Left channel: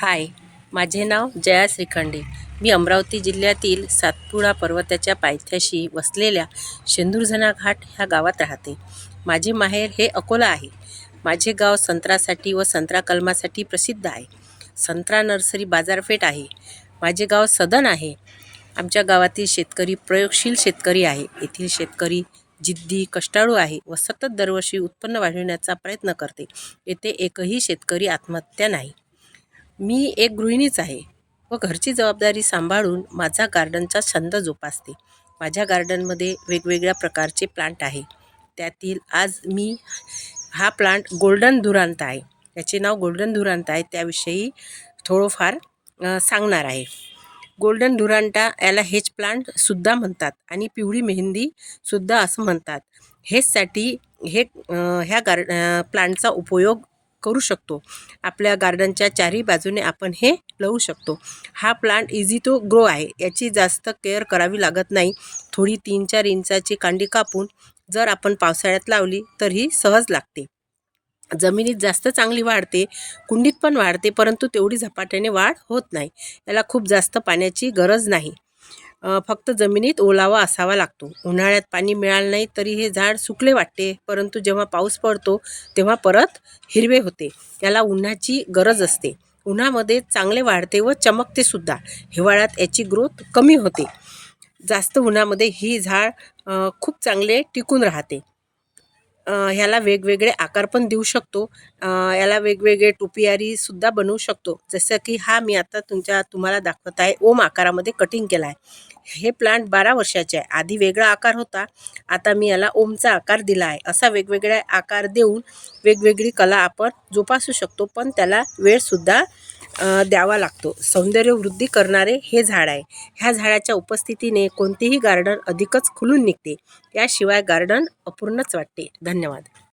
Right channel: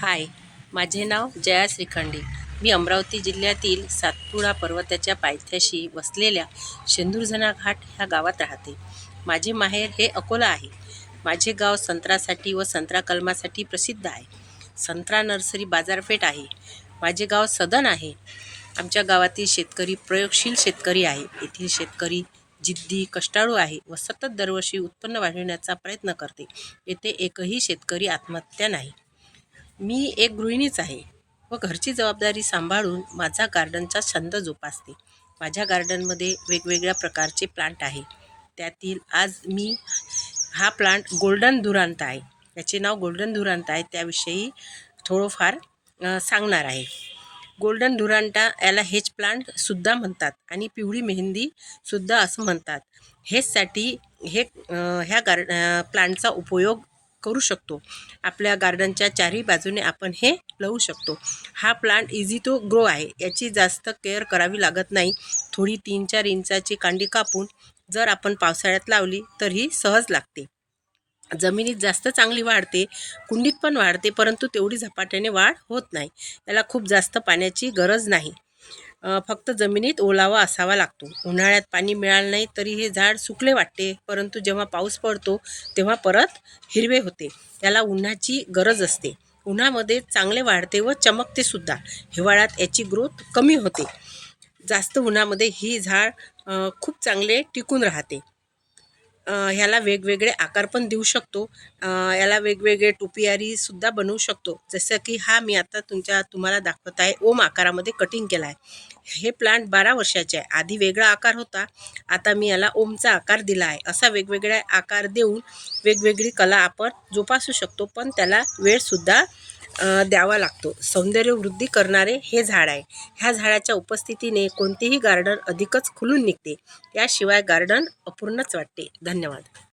हाय, माझे नाव जया श्रीखंडे. मी अमरावती जिल्ह्यातील सातपुडा पर्वताच्या पायथ्याशी वसलेल्या शेंदुरजना घाट ह्या गावात राहते. माझे माहेर हे अकोला आहे. माझे गाव संत्र्यासाठी व संत्रा कलमासाठी प्रसिद्ध आहे. संत्रा नर्सरी बाजारपेठ आहे. माझे गाव सदन आहे. आमच्या गावातील शेतकरी प्रयोगशील शेतकरी आहे. येथील शेतकरी जिद्दी कष्टाळू आहे व सतत दरवर्षी उत्पन्न वाढविण्याचा प्रयत्न करते. येथे एकही शेतकरी आत्महत्या नाही. मी एक गृहिणीच आहे व घरची जबाबदारी सांभाळून माझा गार्डनचा छंद जोपासते. माझ्या गार्डनमध्ये वेगवेगळ्या प्रकारचे प्लांट आहे. त्यातील आज मी हा प्लांट गोल्डन धुरांत आहे. याचे नाव गोल्डन धुरांत आहे. त्याविषयी थोडंफार सांगणार आहे. गोल्डन धुरांटा याला हेज प्लांटसुद्धा म्हणतात आणि पिवळी मेहंदीसुद्धा असं म्हणतात. हेचसाठी ह्या प्लांटचा उपयोग करू शकतो. आपल्या गार्डनच्या चारही बाजूने आपण हे लावू शकतो. हा प्लांट इझी टू ग्रो आहे. याची जास्त केअर करावी लागत नाही. थोडी 3-4 इंचाची कांडी कापून जर आपण पावसाळ्यात लावली तर ही सहज लागते. जमिनीत जास्त चांगली वाढते, कुंडीत पण वाढते, परंतु तेवढी झपाट्याने वाढ होत नाही. याला खूप जास्त पाण्याची गरज नाही. फक्त जमिनीत ओलावा असावा लागतो. उन्हाळ्यात पाणी मिळालं नाही तरी हे झाड सुकले वाटते, परंतु जेव्हा पाऊस पडतो तेव्हा परत हिरवे होते. याला उन्हाची गरज असते. उन्हामध्ये चांगले वाढते व चमकते सुद्धा. हिवाळ्यात याची ग्रोथ कमी होते. जास्त उन्हामध्ये ही झाड खूप चांगले टिकून राहते. ह्याला वेगवेगळे आकार पण देऊ शकतो. याला वेगवेगळे टोपियारीसुद्धा बनवू शकतो. जसं की हा मी आता तुम्हाला दाखवत आहे. ओम आकारामध्ये कटिंग केला आहे. हे प्लांट 12 वर्षाचे आहे. आधी वेगळा आकार होता, आता मी याला ओमचा आकार दिला आहे. असा वेगवेगळ्या आकार देऊन वेगवेगळी कला आपण जोपासू शकतो, पण त्याला वेळसुद्धा द्यावा लागतो. सौंदर्यवृद्धी करणारे हे झाड आहे. ह्या झाडाच्या उपस्थितीने कोणतेही गार्डन अधिकच खुलून निघते. याशिवाय गार्डन अपूर्णच वाटते. धन्यवाद.